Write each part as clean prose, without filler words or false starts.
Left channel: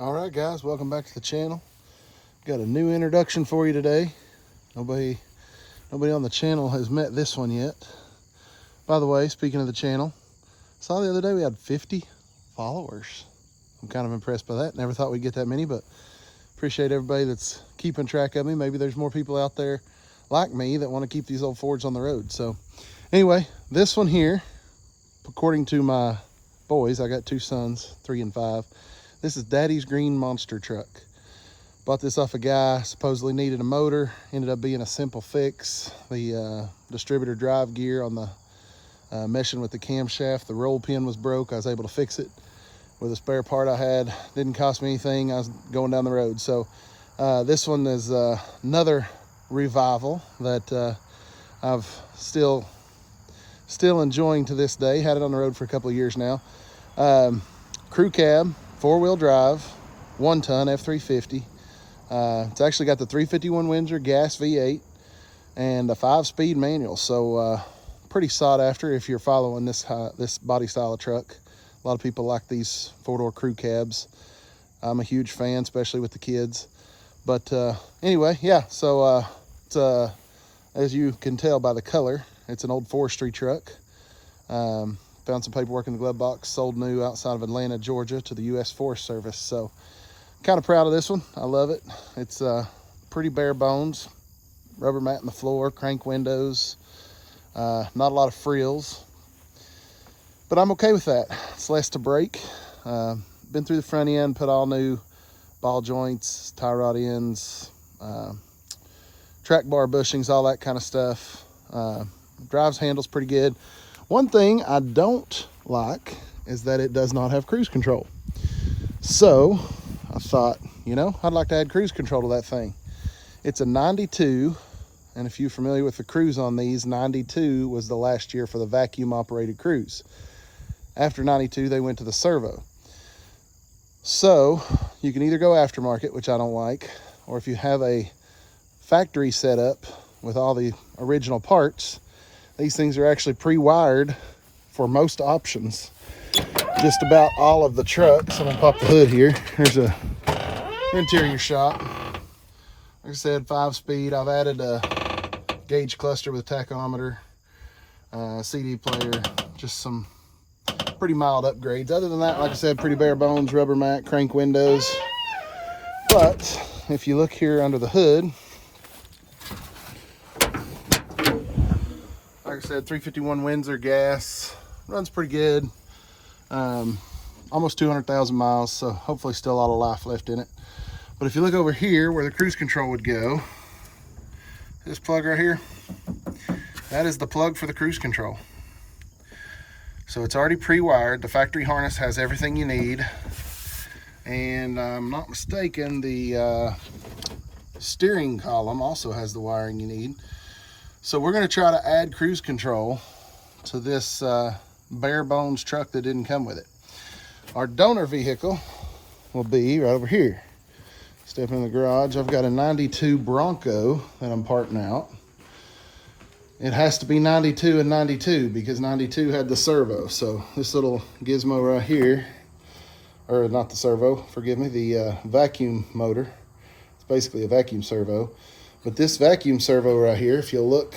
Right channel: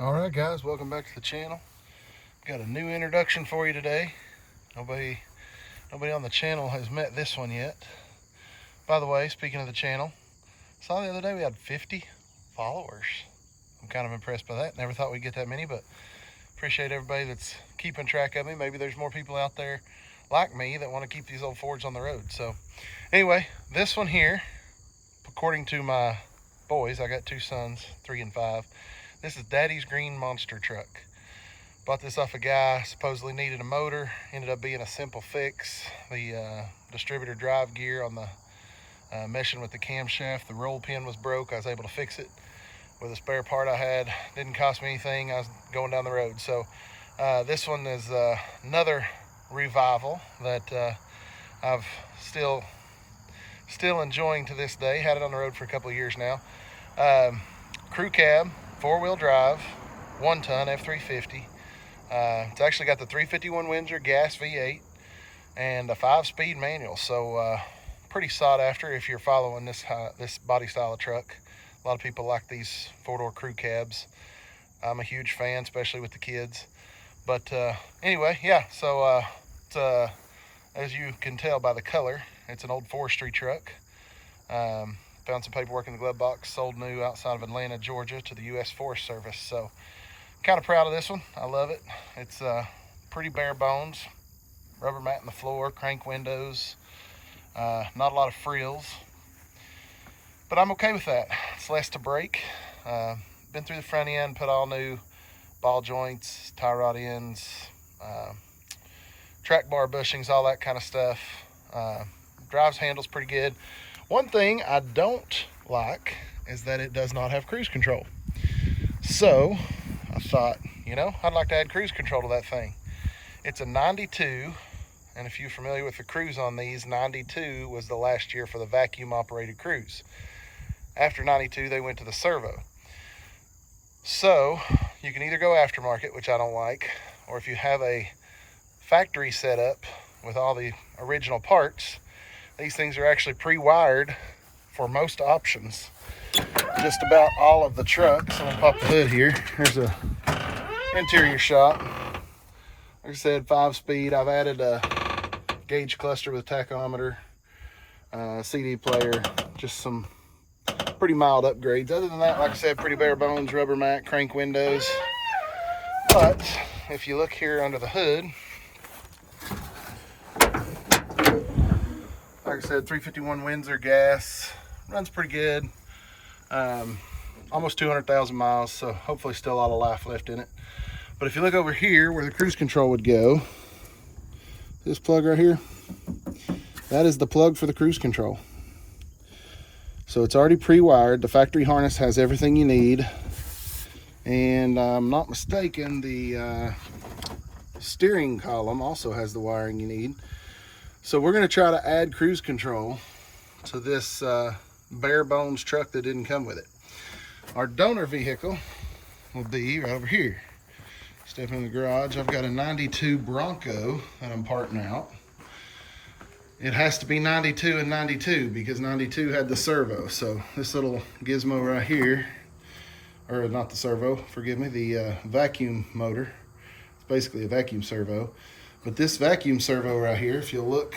All right, guys, welcome back to the channel. Got a new introduction for you today. Nobody on the channel has met this one yet. By the way, speaking of the channel, saw the other day we had 50 followers. I'm kind of impressed by that. Never thought we'd get that many, but appreciate everybody that's keeping track of me. Maybe there's more people out there like me that want to keep these old Fords on the road. So anyway, this one here, according to my boys, I got two sons, 3 and 5. This is Daddy's green monster truck. Bought this off a guy, supposedly needed a motor. Ended up being a simple fix. The distributor drive gear on the meshing with the camshaft, the roll pin was broke. I was able to fix it with a spare part I had. Didn't cost me anything. I was going down the road. So this one is another revival that I've still enjoying to this day. Had it on the road for a couple of years now. Crew cab, 4-wheel drive, 1-ton F350. It's actually got the 351 Windsor gas V8 and a 5-speed manual, so pretty sought after if you're following this body style of truck. A lot of people like these 4-door crew cabs. I'm a huge fan, especially with the kids. But anyway, yeah, so it's, as you can tell by the color, it's an old forestry truck. Found some paperwork in the glove box, sold new outside of Atlanta, Georgia to the U.S. Forest Service. So kind of proud of this one. I love it. It's pretty bare bones. Rubber mat in the floor, crank windows, not a lot of frills. But I'm okay with that. It's less to break. Been through the front end, put all new ball joints, tie rod ends, track bar bushings, all that kind of stuff. Drives, handles pretty good. One thing I don't like is that it does not have cruise control. So I thought, I'd like to add cruise control to that thing. It's a 92, and if you're familiar with the cruise on these, 92 was the last year for the vacuum operated cruise. After 92, they went to the servo. So you can either go aftermarket, which I don't like, or if you have a factory setup with all the original parts, these things are actually pre-wired for most options. Just about all of the trucks. I'm gonna pop the hood here. Here's a interior shot. Like I said, 5-speed. I've added a gauge cluster with a tachometer, CD player, just some pretty mild upgrades. Other than that, like I said, pretty bare bones, rubber mat, crank windows. But if you look here under the hood, like I said, 351 Windsor gas, runs pretty good. Almost 200,000 miles, so hopefully still a lot of life left in it. But if you look over here where the cruise control would go, this plug right here, that is the plug for the cruise control. So it's already pre-wired. The factory harness has everything you need. And I'm not mistaken, the steering column also has the wiring you need. So we're going to try to add cruise control to this bare bones truck that didn't come with it. Our donor vehicle will be right over here. Step in the garage. I've got a 92 Bronco that I'm parting out. It has to be 92 and 92 because 92 had the servo. So this little gizmo right here, or not the servo, forgive me, the vacuum motor. It's basically a vacuum servo. But this vacuum servo right here, if you look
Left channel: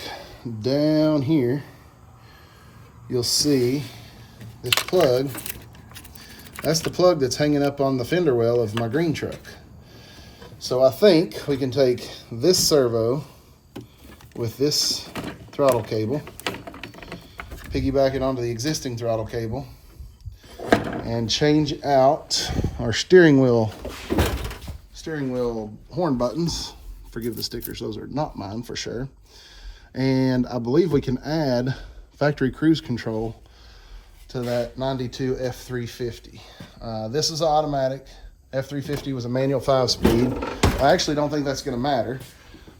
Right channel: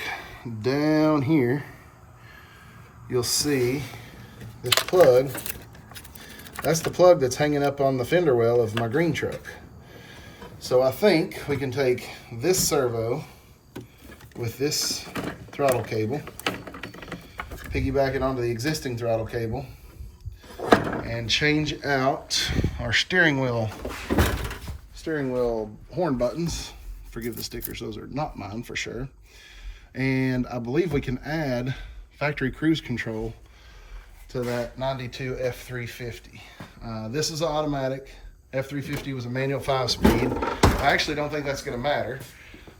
down here, you'll see this plug. That's the plug that's hanging up on the fender well of my green truck. So I think we can take this servo with this throttle cable, piggyback it onto the existing throttle cable, and change out our steering wheel horn buttons. Forgive the stickers, those are not mine for sure. And I believe we can add factory cruise control to that 92 F350. This is automatic. F350 was a manual 5-speed. I actually don't think that's going to matter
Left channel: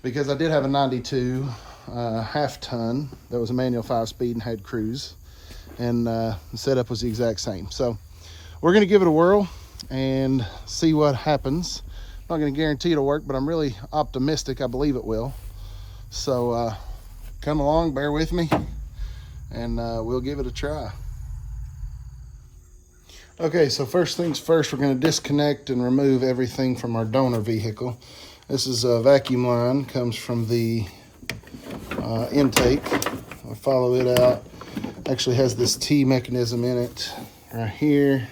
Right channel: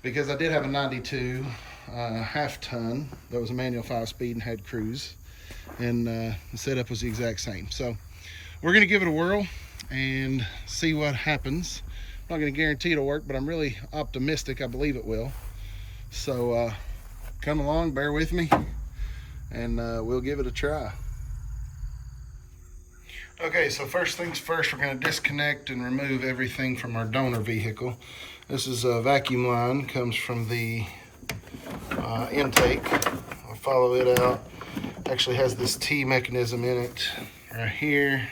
because I did have a 92 half-ton that was a manual 5-speed and had cruise. And the setup was the exact same. So we're going to give it a whirl and see what happens. I'm not going to guarantee it'll work, but I'm really optimistic. I believe it will. So come along, bear with me, and we'll give it a try. Okay, so first things first, we're going to disconnect and remove everything from our donor vehicle. This is a vacuum line, comes from the intake. I'll follow it out. Actually has this T mechanism in it right here,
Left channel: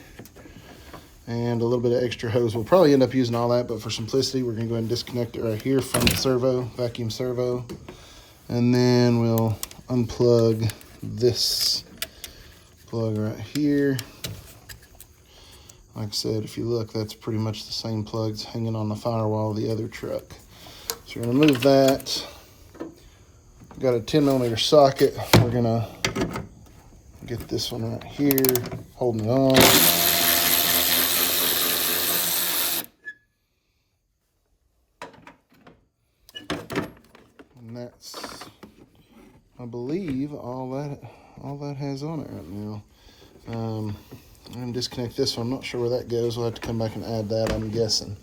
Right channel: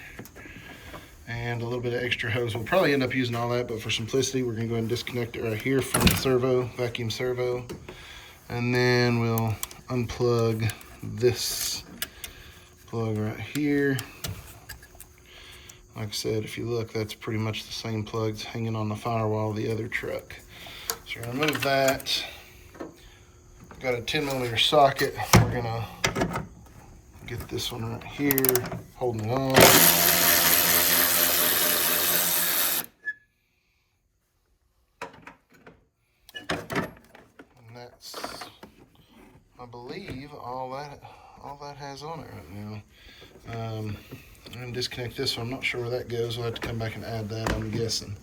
and a little bit of extra hose. We'll probably end up using all that, but for simplicity, we're going to go ahead and disconnect it right here from the servo, vacuum servo. And then we'll unplug this plug right here. Like I said, if you look, that's pretty much the same plugs hanging on the firewall of the other truck. So we're gonna remove that. We've got a 10mm socket. We're gonna get this one right here, holding it on. And that's, I believe, all that has on it right now. I'm going to disconnect this one. I'm not sure where that goes. We'll have to come back and add that, I'm guessing.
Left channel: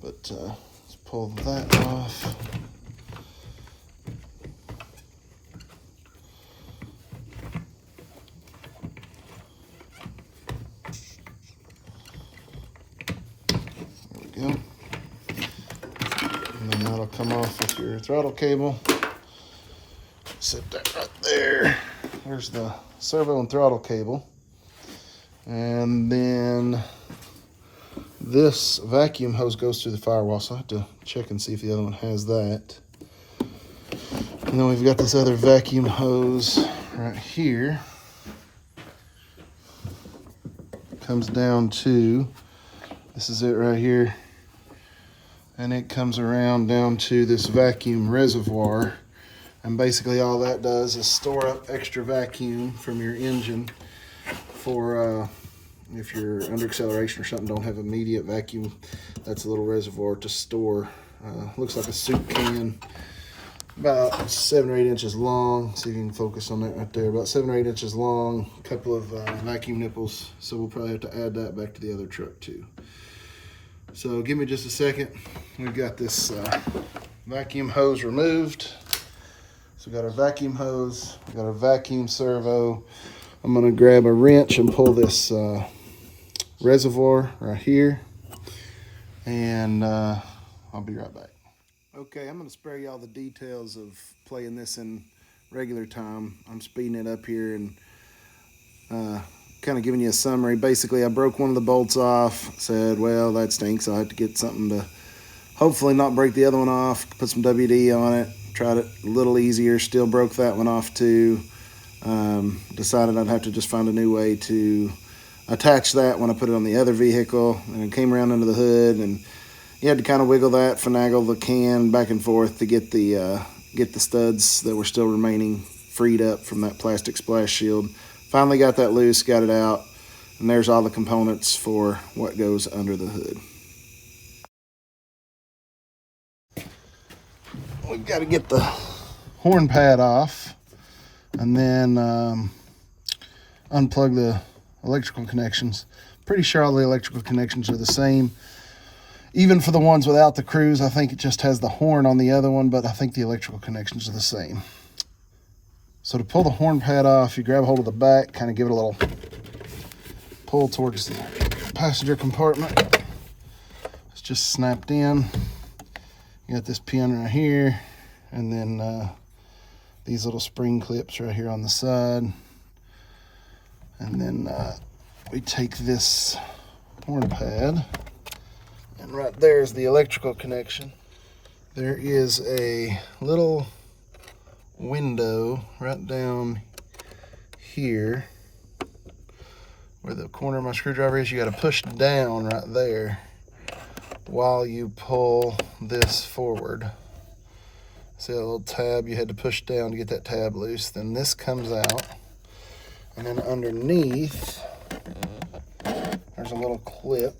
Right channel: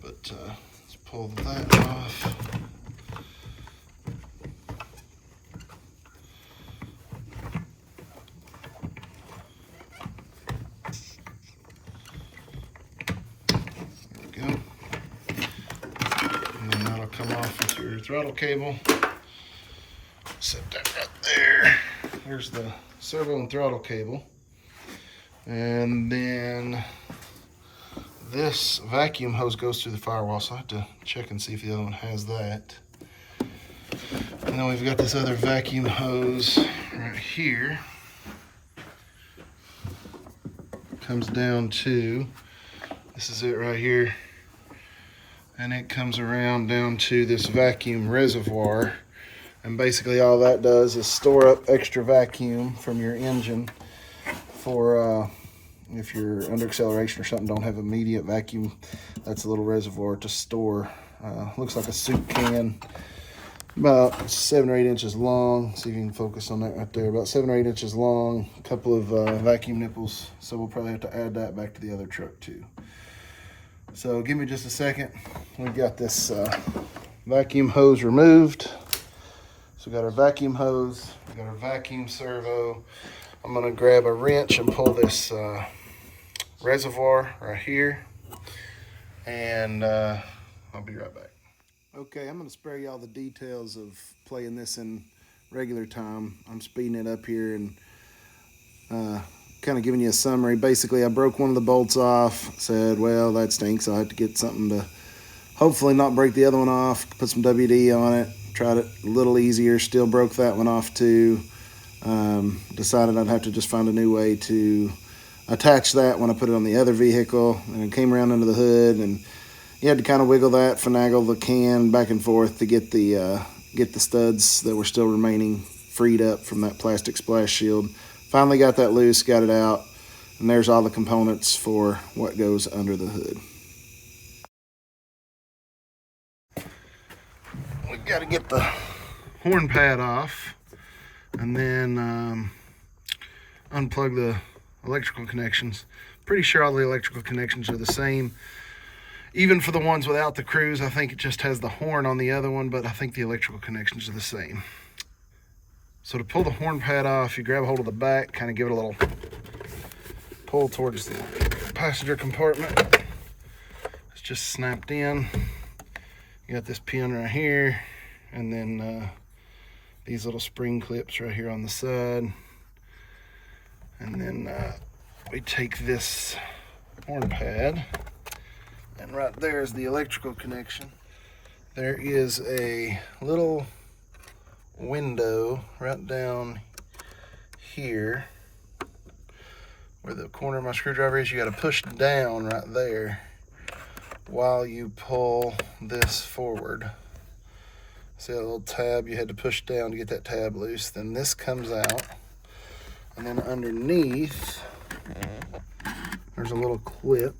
But let's pull that off. There we go. And then that'll come off with your throttle cable. Set that right there. There's the servo and throttle cable. And then this vacuum hose goes through the firewall, so I have to check and see if the other one has that. And then we've got this other vacuum hose right here. Comes down to, this is it right here. And it comes around down to this vacuum reservoir. And basically all that does is store up extra vacuum from your engine for if you're under acceleration or something, don't have immediate vacuum. That's a little reservoir to store. Looks like a soup can, about 7 or 8 inches long. See if you can focus on that right there. About 7 or 8 inches long, a couple of vacuum nipples. So we'll probably have to add that back to the other truck too. So give me just a second. We've got this vacuum hose removed. So we got our vacuum hose, we got our vacuum servo. I'm gonna grab a wrench and pull this reservoir right here, and I'll be right back. Okay, I'm gonna spare y'all the details of playing this in regular time. I'm speeding it up here and kind of giving you a summary. Basically, I broke one of the bolts off, said, well, that stinks. I'll have to get something to hopefully not break the other one off, put some WD on it. Tried it a little easier, still broke that one off too. Decided I'd have to just find a new way to attach that when I put it on the other vehicle, and it came around under the hood, and you had to kind of wiggle that, finagle the can back and forth to get the studs that were still remaining freed up from that plastic splash shield. Finally got that loose, got it out, and there's all the components for what goes under the hood. We've got to get the horn pad off, and then unplug the electrical connections. Pretty sure all the electrical connections are the same. Even for the ones without the cruise, I think it just has the horn on the other one, but I think the electrical connections are the same. So to pull the horn pad off, you grab hold of the back, kind of give it a little pull towards the passenger compartment. It's just snapped in. You got this pin right here, and then these little spring clips right here on the side. And then we take this horn pad, and right there is the electrical connection. There is a little window right down here where the corner of my screwdriver is. You got to push down right there while you pull this forward. See that little tab you had to push down to get that tab loose? Then this comes out, and then underneath there's a little clip,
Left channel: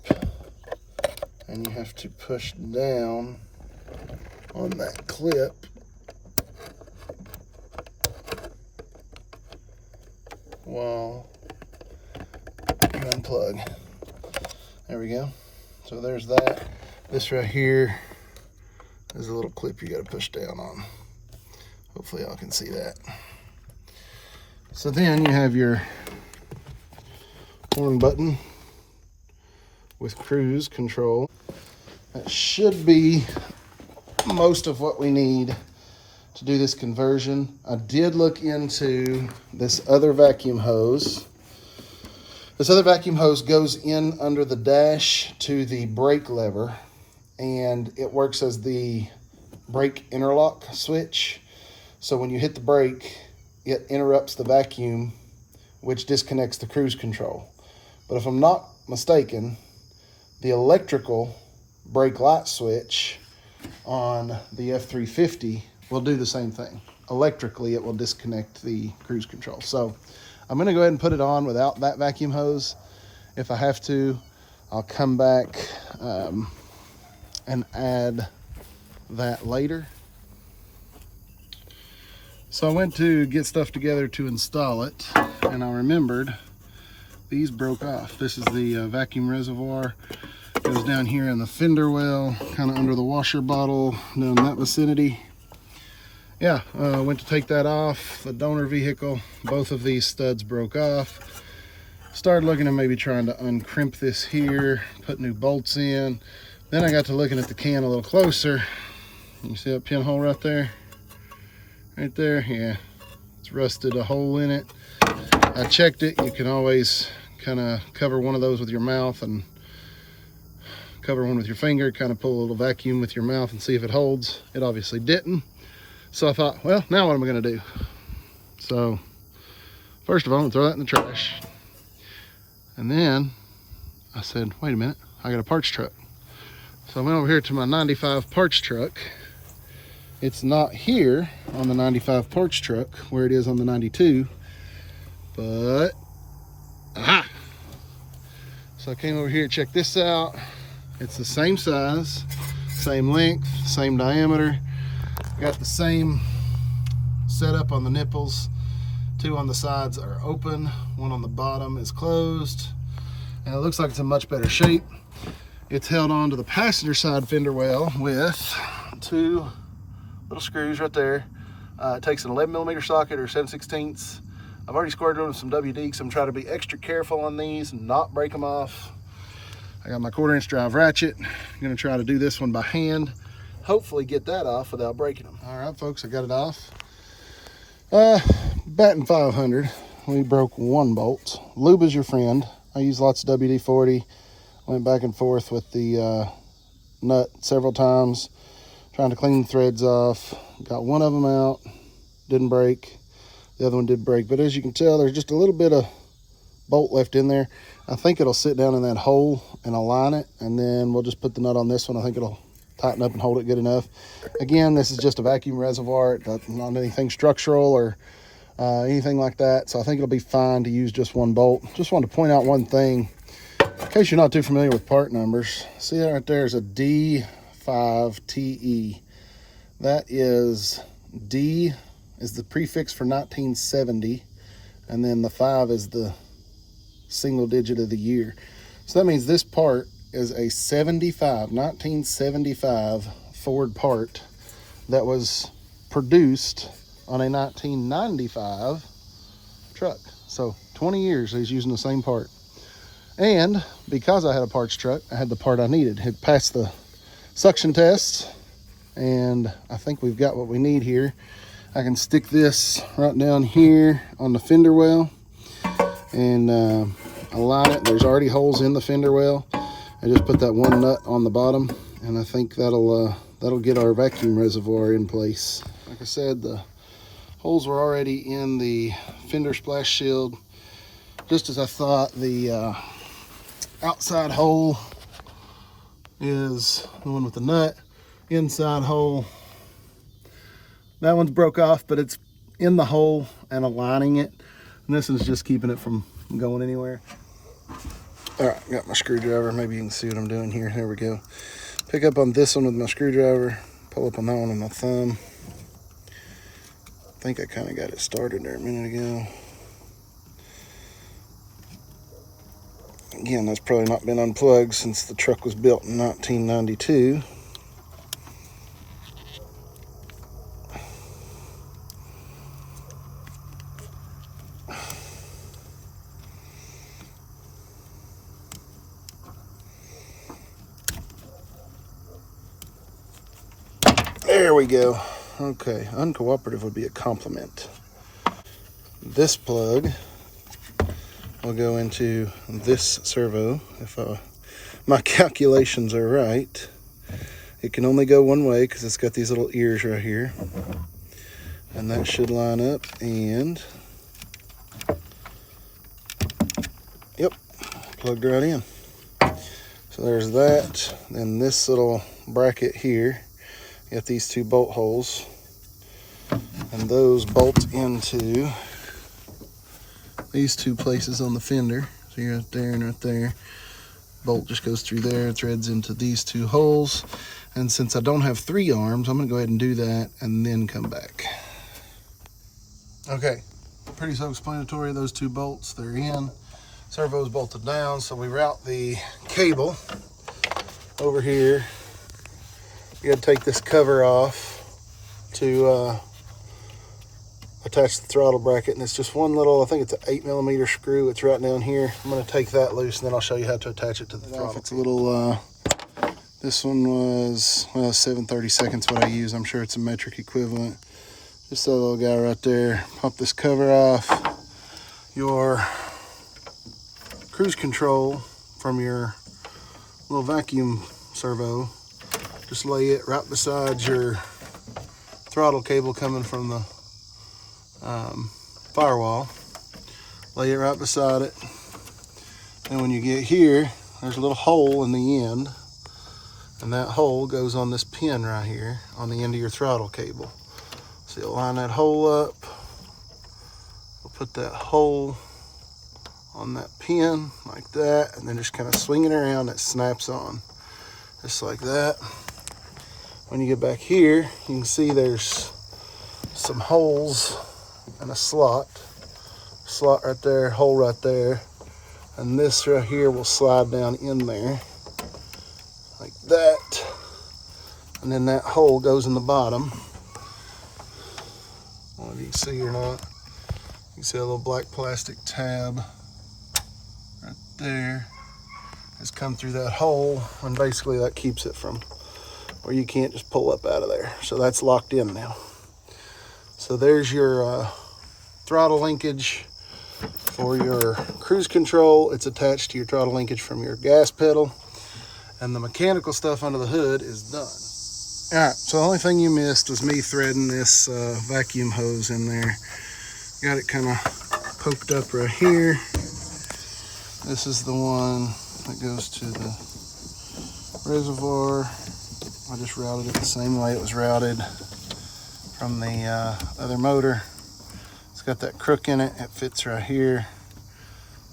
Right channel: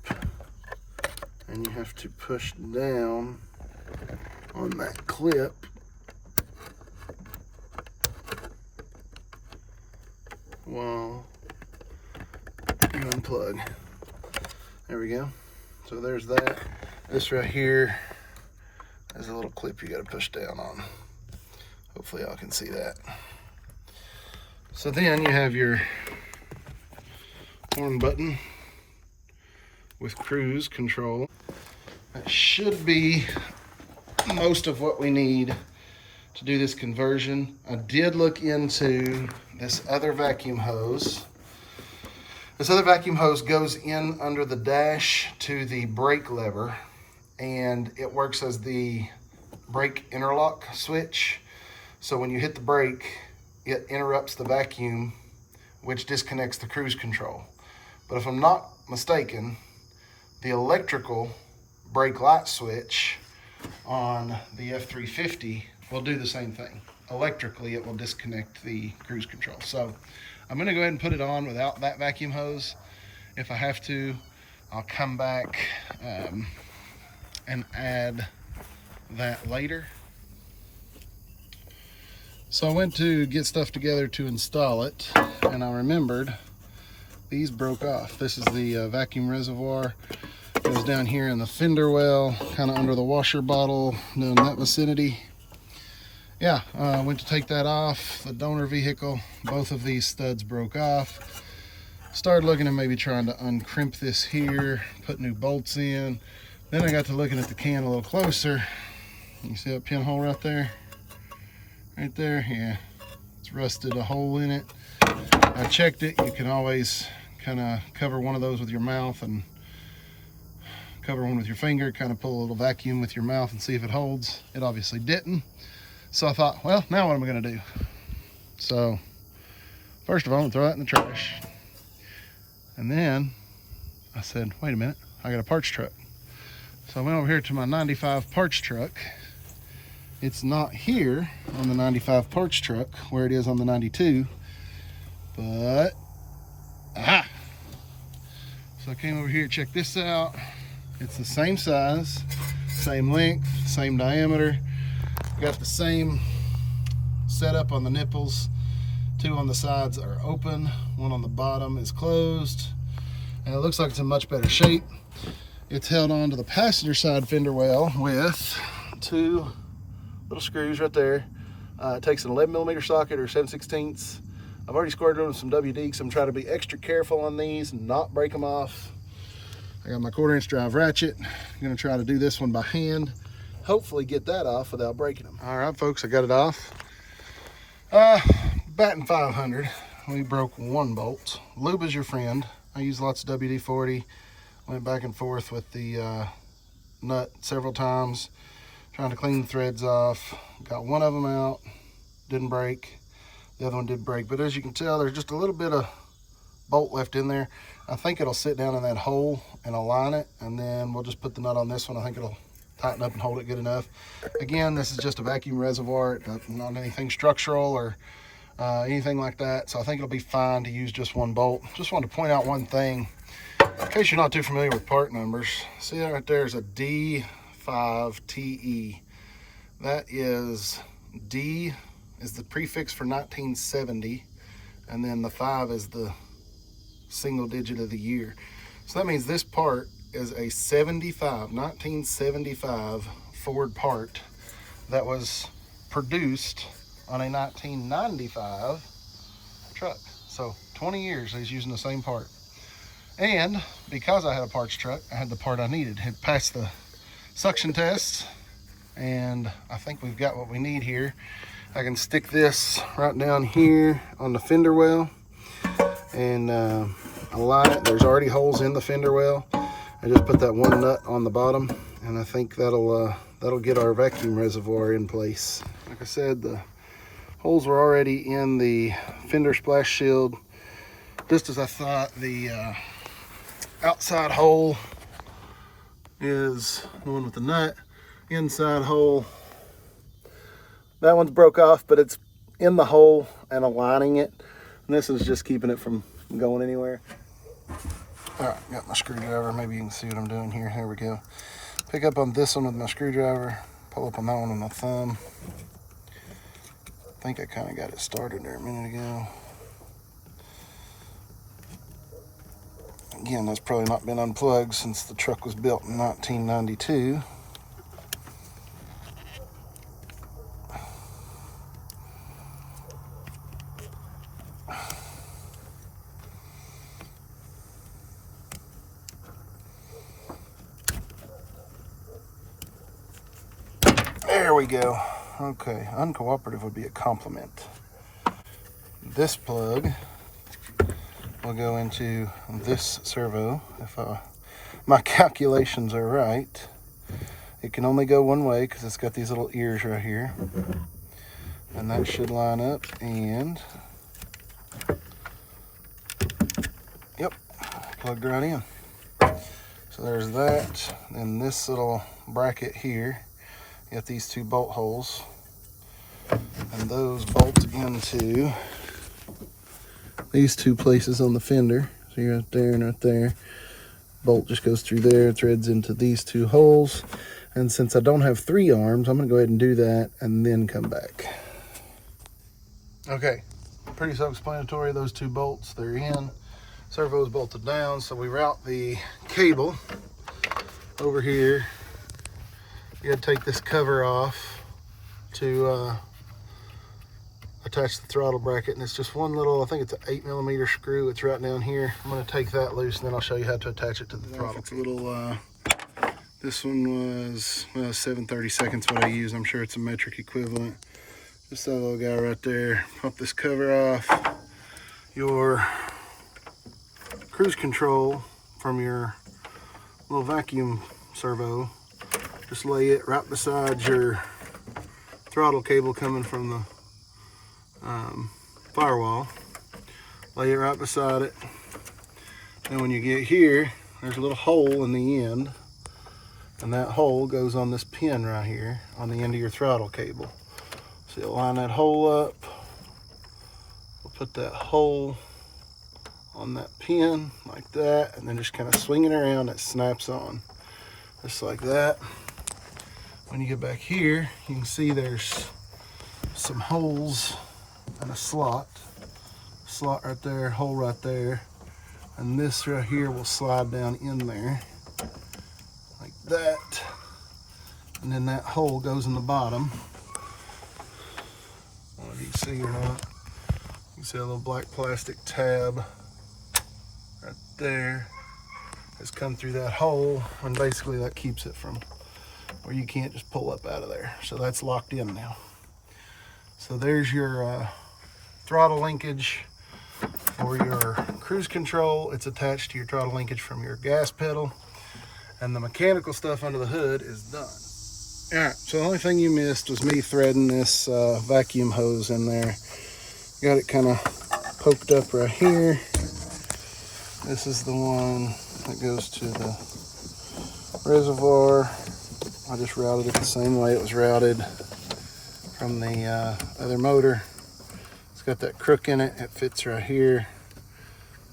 and you have to push down on that clip while you unplug. There we go. So there's that. This right here is a little clip you got to push down on. Hopefully y'all can see that. So then you have your horn button with cruise control. That should be most of what we need to do this conversion. I did look into this other vacuum hose. This other vacuum hose goes in under the dash to the brake lever, and it works as the brake interlock switch. So when you hit the brake, it interrupts the vacuum, which disconnects the cruise control. But if I'm not mistaken, the electrical brake light switch on the F350 will do the same thing. Electrically, it will disconnect the cruise control. So I'm gonna go ahead and put it on without that vacuum hose. If I have to, I'll come back and add that later. So I went to get stuff together to install it, and I remembered these broke off. This is the vacuum reservoir. It goes down here in the fender well, kind of under the washer bottle, in that vicinity. Yeah, went to take that off, the donor vehicle. Both of these studs broke off. Started looking at maybe trying to uncrimp this here, put new bolts in. Then I got to looking at the can a little closer. You see that pinhole right there? Right there, yeah. It's rusted a hole in it. I checked it. You can always kind of cover one of those with your mouth and cover one with your finger, kind of pull a little vacuum with your mouth and see if it holds. It obviously didn't. So I thought, well, now what am I gonna do? So first of all, I'm gonna throw that in the trash. And then I said, wait a minute, I got a parts truck. So I went over here to my 95 parts truck. It's not here on the 95 parts truck where it is on the 92, but aha! So I came over here, check this out. It's the same size, same length, same diameter. Got the same setup on the nipples. Two on the sides are open, one on the bottom is closed, and it looks like it's in much better shape. It's held on to the passenger side fender well with two little screws right there. It takes an 11mm socket or 7/16. I've already squared them with some WD because I'm trying to be extra careful on these and not break them off. I got my 1/4" drive ratchet. I'm gonna try to do this one by hand. Hopefully get that off without breaking them. All right, folks, I got it off. Batting 500, we broke one bolt. Lube is your friend. I use lots of WD-40. Went back and forth with the nut several times, trying to clean the threads off. Got one of them out, didn't break. The other one did break, but as you can tell, there's just a little bit of bolt left in there. I think it'll sit down in that hole and align it, and then we'll just put the nut on this one. I think it'll tighten up and hold it good enough. Again, this is just a vacuum reservoir. It's not anything structural or anything like that, so I think it'll be fine to use just one bolt. Just wanted to point out one thing in case you're not too familiar with part numbers. See that right there is a D5TE. That is, D is the prefix for 1970, and then the 5 is the single digit of the year. So that means this part is a 1975 Ford part that was produced on a 1995 truck. So 20 years he's using the same part. And because I had a parts truck, I had the part I needed. It passed the suction tests, and I think we've got what we need here. I can stick this right down here on the fender well and align it. There's already holes in the fender well. I just put that one nut on the bottom, and I think that'll get our vacuum reservoir in place. Like I said, the holes were already in the fender splash shield, just as I thought. The outside hole is the one with the nut. Inside hole, that one's broke off, but it's in the hole and aligning it, and this is just keeping it from going anywhere. All right, got my screwdriver. Maybe you can see what I'm doing here. There we go. Pick up on this one with my screwdriver, pull up on that one with my thumb. I think I kind of got it started there a minute ago. Again, that's probably not been unplugged since the truck was built in 1992. There we go. Okay, uncooperative would be a compliment. This plug will go into this servo. If my calculations are right, it can only go one way because it's got these little ears right here. And that should line up, and yep, plugged right in. So there's that. Then this little bracket here, got these two bolt holes, and those bolt into these two places on the fender. See right there and right there. Bolt just goes through there, threads into these two holes. And since I don't have 3 arms, I'm gonna go ahead and do that and then come back. Okay, pretty self-explanatory. Those 2 bolts, they're in. Servo's bolted down, so we route the cable over here. You gotta take this cover off to attach the throttle bracket, and it's just one little, I think it's an 8mm screw. It's right down here. I'm gonna take that loose, and then I'll show you how to attach it to the throttle. It's a little, this one was, well, 7/32 what I use. I'm sure it's a metric equivalent. Just that little guy right there. Pop this cover off. Your cruise control from your little vacuum servo, just lay it right beside your throttle cable coming from the firewall. Lay it right beside it. And when you get here, there's a little hole in the end, and that hole goes on this pin right here on the end of your throttle cable. So you'll line that hole up. We'll put that hole on that pin like that, and then just kind of swing it around. It snaps on just like that. When you get back here, you can see there's some holes and a slot right there, hole right there, and this right here will slide down in there like that, and then that hole goes in the bottom. I don't know if you can see or not. You can see a little black plastic tab right there has come through that hole, and basically that keeps it from where you can't just pull up out of there. So that's locked in now. So there's your throttle linkage for your cruise control. It's attached to your throttle linkage from your gas pedal, and the mechanical stuff under the hood is done. All right, so the only thing you missed was me threading this vacuum hose in there. Got it kind of poked up right here. This is the one that goes to the reservoir. I just routed it the same way it was routed from the other motor. It's got that crook in it. It fits right here.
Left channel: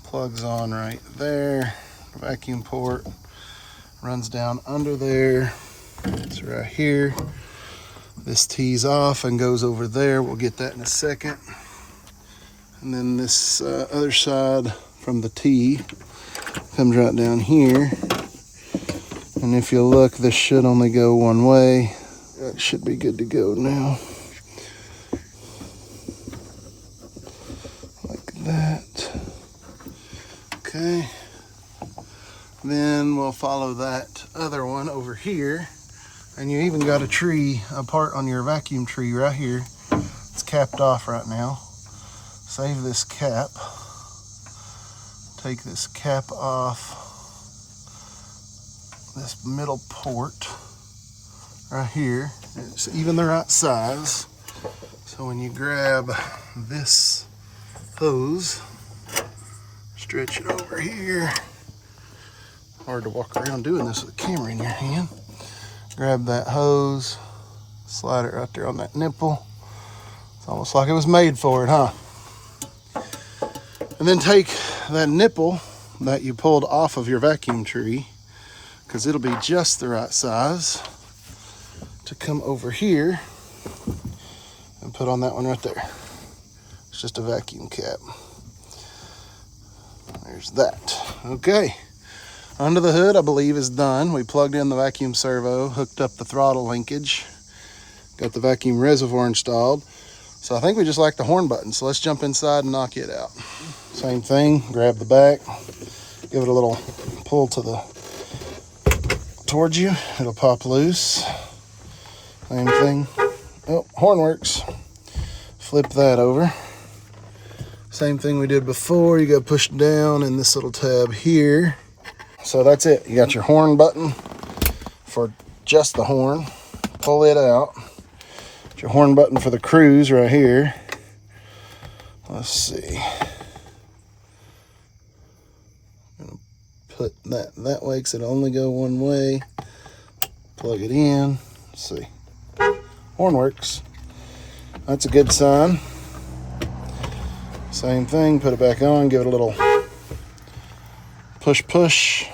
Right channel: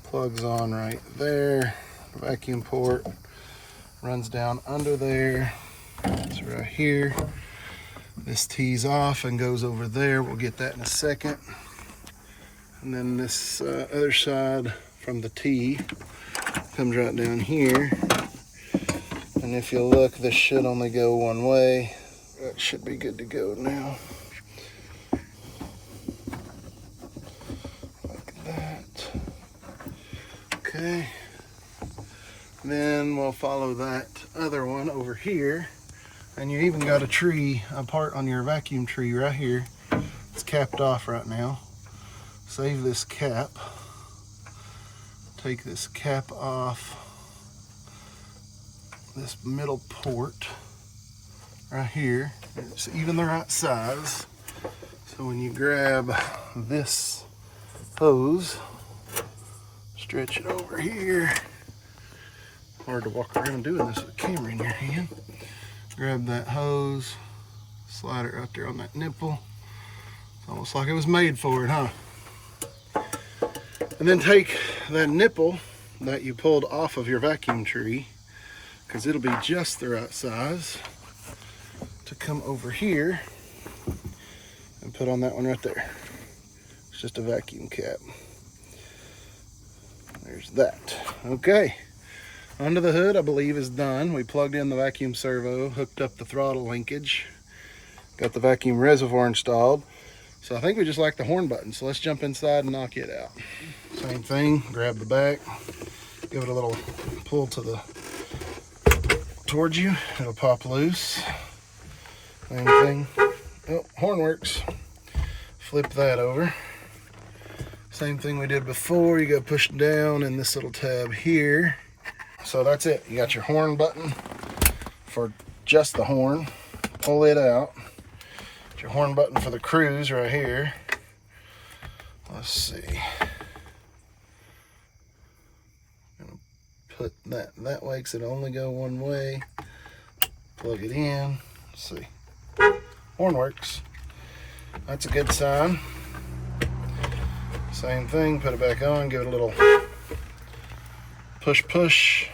Plugs on right there. Vacuum port runs down under there. It's right here. This tees off and goes over there. We'll get that in a second. And then this other side from the tee comes right down here. And if you look, this should only go one way. That should be good to go now. Like that. Okay. Then we'll follow that other one over here. And you even got a part on your vacuum tree right here. It's capped off right now. Save this cap. Take this cap off this middle port right here. It's even the right size. So when you grab this hose, stretch it over here. Hard to walk around doing this with a camera in your hand. Grab that hose, slide it right there on that nipple. It's almost like it was made for it, huh? And then take that nipple that you pulled off of your vacuum tree, because it'll be just the right size, to come over here and put on that one right there. It's just a vacuum cap. There's that. Okay. Under the hood, I believe, is done. We plugged in the vacuum servo, hooked up the throttle linkage, got the vacuum reservoir installed. So I think we just like the horn button. So let's jump inside and knock it out. Same thing, grab the back, give it a little pull towards you. It'll pop loose. Same thing. Oh, horn works. Flip that over. Same thing we did before. You got to push down in this little tab here. So that's it. You got your horn button for just the horn. Pull it out. Got your horn button for the cruise right here. Let's see. I'm gonna put that way because it only go one way. Plug it in. Let's see. Horn works. That's a good sign. Same thing, put it back on, give it a little push.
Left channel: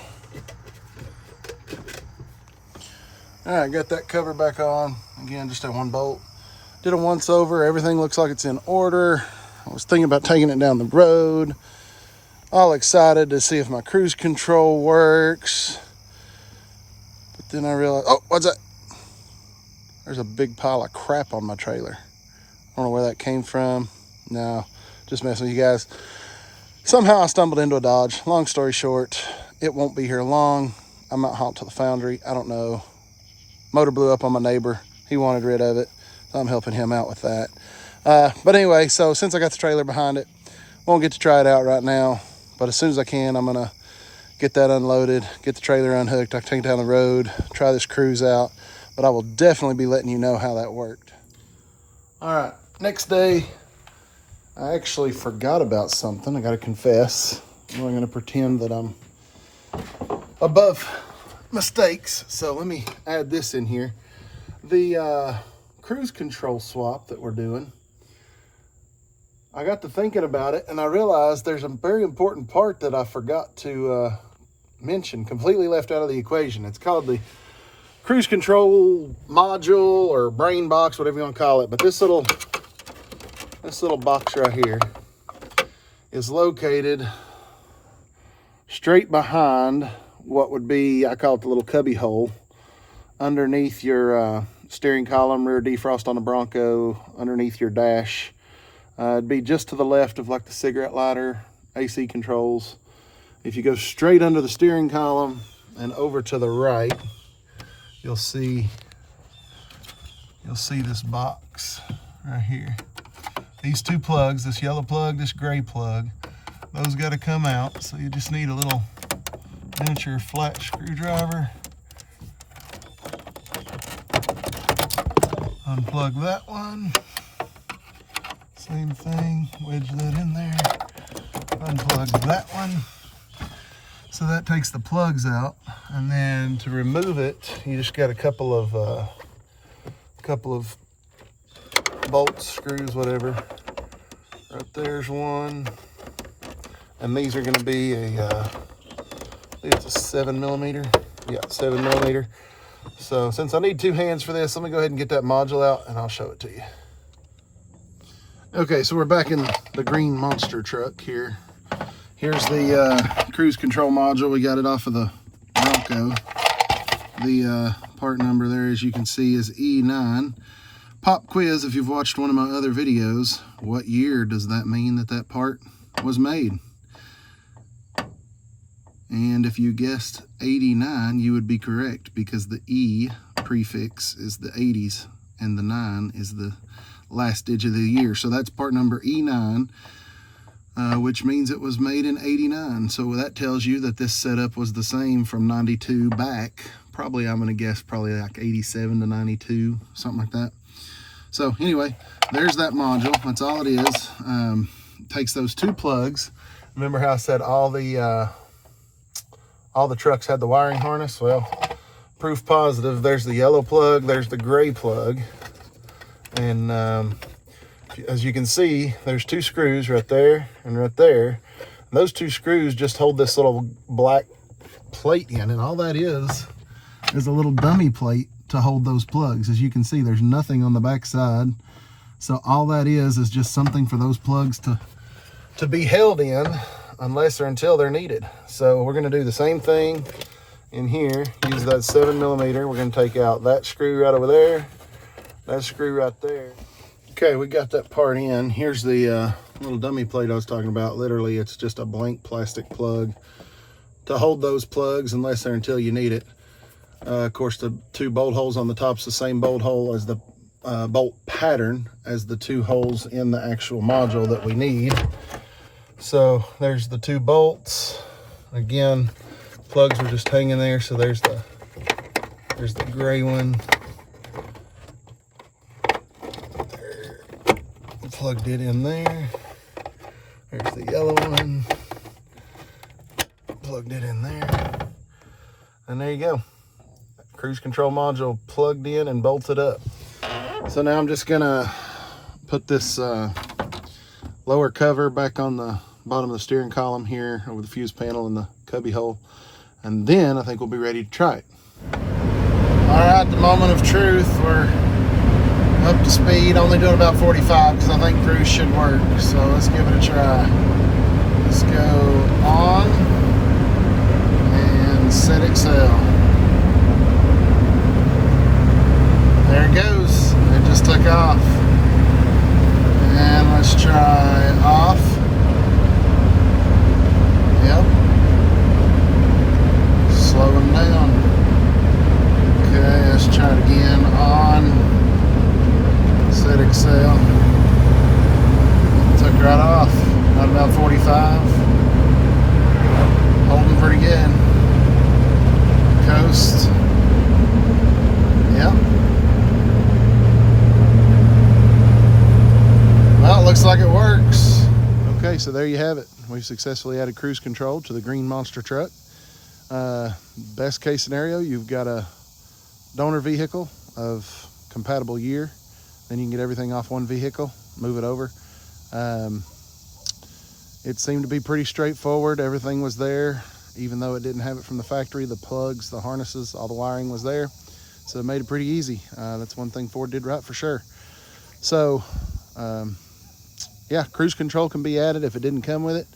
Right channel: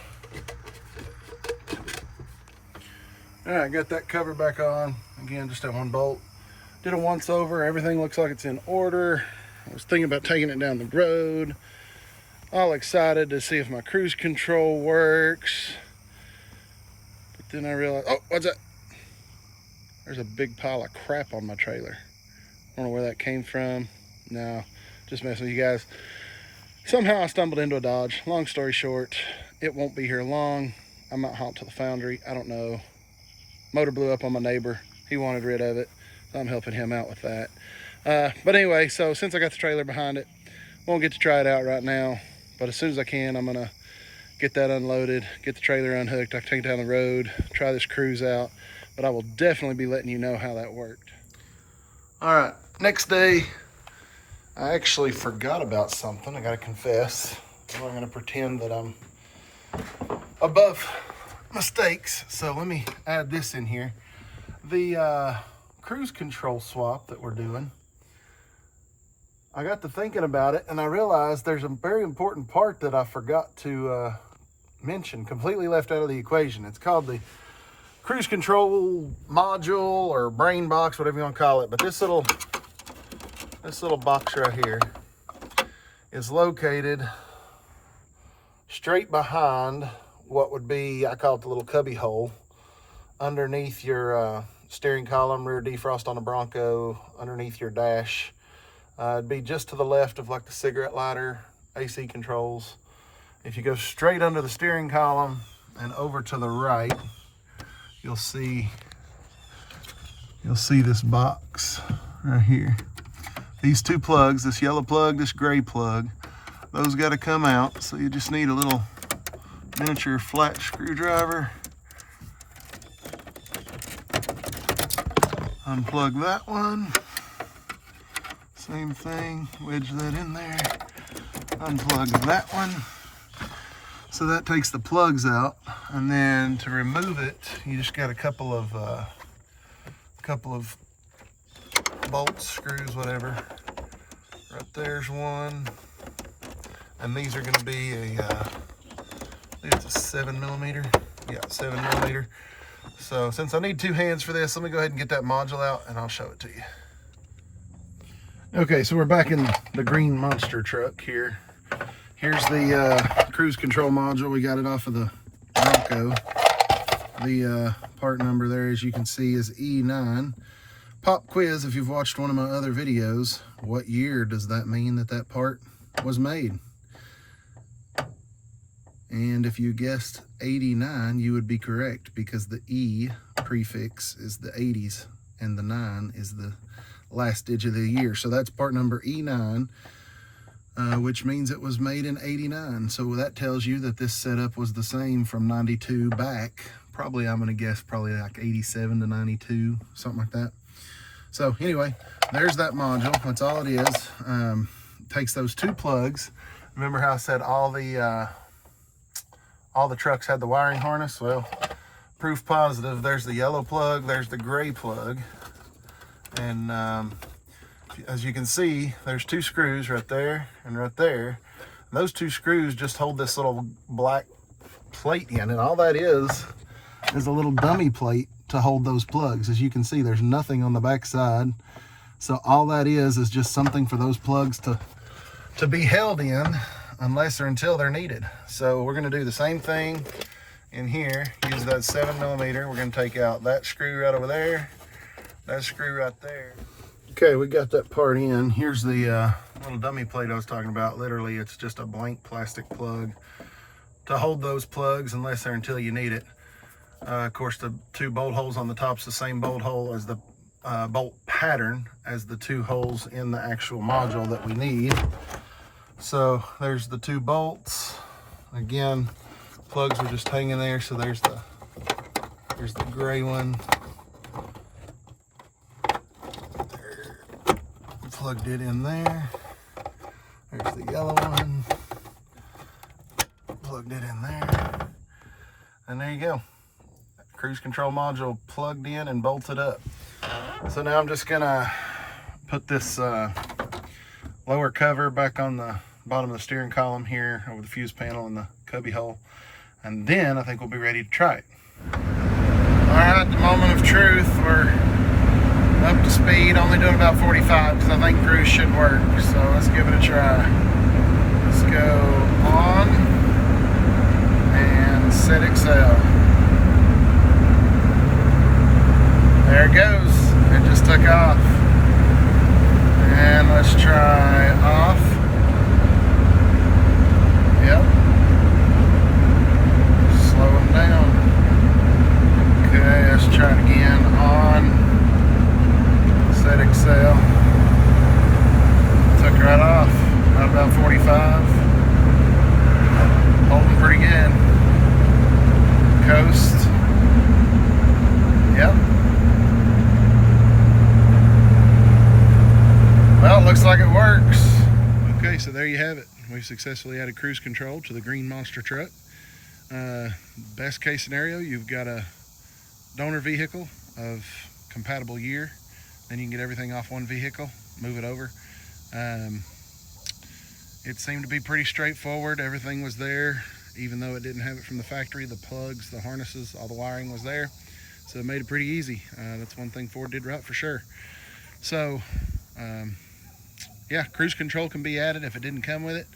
All right, got that cover back on. Again, just that one bolt. Did a once over, everything looks like it's in order. I was thinking about taking it down the road. All excited to see if my cruise control works. But then I realized, oh, what's that? There's a big pile of crap on my trailer. I don't know where that came from. No, just messing with you guys. Somehow I stumbled into a Dodge. Long story short, it won't be here long. I might haul it to the foundry. I don't know. Motor blew up on my neighbor. He wanted rid of it. So I'm helping him out with that. But anyway, so since I got the trailer behind it, won't get to try it out right now. But as soon as I can, I'm gonna get that unloaded, get the trailer unhooked. I can take it down the road, try this cruise out. But I will definitely be letting you know how that worked. All right, next day, I actually forgot about something. I gotta confess. I'm gonna pretend that I'm above mistakes. So let me add this in here. The cruise control swap that we're doing, I got to thinking about it and I realized there's a very important part that I forgot to mention, completely left out of the equation. It's called the cruise control module or brain box, whatever you want to call it. But this little box right here is located straight behind what would be, I call it the little cubby hole, underneath your steering column, rear defrost on the Bronco, underneath your dash. It'd be just to the left of like the cigarette lighter, AC controls. If you go straight under the steering column and over to the right, you'll see this box right here. These two plugs, this yellow plug, this gray plug, those got to come out. So you just need a little miniature flat screwdriver. Unplug that one. Same thing, wedge that in there. Unplug that one. So that takes the plugs out, and then to remove it, you just got a couple of bolts, screws, whatever. Right there's one, and these are going to be I think it's a 7mm. Yeah, 7mm. So since I need two hands for this, let me go ahead and get that module out, and I'll show it to you. Okay, so we're back in the green monster truck here. Here's the cruise control module. We got it off of the Bronco. The part number there, as you can see, is E9. Pop quiz, if you've watched one of my other videos, what year does that mean that that part was made? And if you guessed 89, you would be correct, because the E prefix is the 80s and the 9 is the last digit of the year. So that's part number E9. Which means it was made in 89. So that tells you that this setup was the same from 92 back. Probably, I'm gonna guess, probably like 87 to 92, something like that. So anyway, there's that module. That's all it is. Takes those two plugs. Remember how I said all the trucks had the wiring harness? Well, proof positive. There's the yellow plug, there's the gray plug. And as you can see, there's two screws right there and right there. And those two screws just hold this little black plate in, and all that is a little dummy plate to hold those plugs. As you can see, there's nothing on the back side. So all that is just something for those plugs to be held in unless or until they're needed. So we're gonna do the same thing in here. Use that 7mm. We're gonna take out that screw right over there, that screw right there. Okay, we got that part in. Here's the little dummy plate I was talking about. Literally, it's just a blank plastic plug to hold those plugs unless or until you need it. Of course, the 2 bolt holes on the top's the same bolt hole as the bolt pattern as the 2 holes in the actual module that we need. So there's the 2 bolts. Again, plugs are just hanging there. So there's the gray one. Plugged it in there. There's the yellow one. Plugged it in there. And there you go. Cruise control module plugged in and bolted up. So now I'm just gonna put this lower cover back on the bottom of the steering column here over the fuse panel and the cubby hole. And then I think we'll be ready to try it. All right, the moment of truth. We're up to speed, only doing about 45 because I think cruise should work. So let's give it a try. Let's go on and set Excel. There it goes. It just took off. And let's try off. Yep. Slowing down. Okay, let's try it again. On. Set Excel. Took right off. Not about 45. Holding pretty good. Coast. Yep. Well, it looks like it works. Okay, so there you have it. We've successfully added cruise control to the green monster truck. Best case scenario, you've got a donor vehicle of compatible year. Then you can get everything off one vehicle, move it over. It seemed to be pretty straightforward. Everything was there, even though it didn't have it from the factory. The plugs, the harnesses, all the wiring was there. So it made it pretty easy. That's one thing Ford did right for sure. So, yeah, cruise control can be added if it didn't come with it.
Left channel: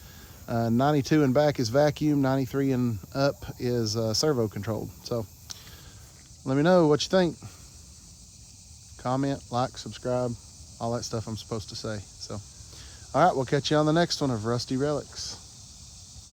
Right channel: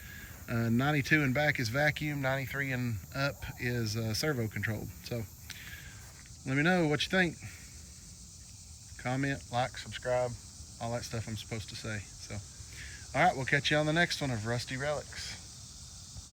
92 and back is vacuum, 93 and up is servo controlled. So let me know what you think. Comment, like, subscribe, all that stuff I'm supposed to say. So, all right, we'll catch you on the next one of Rusty Relics.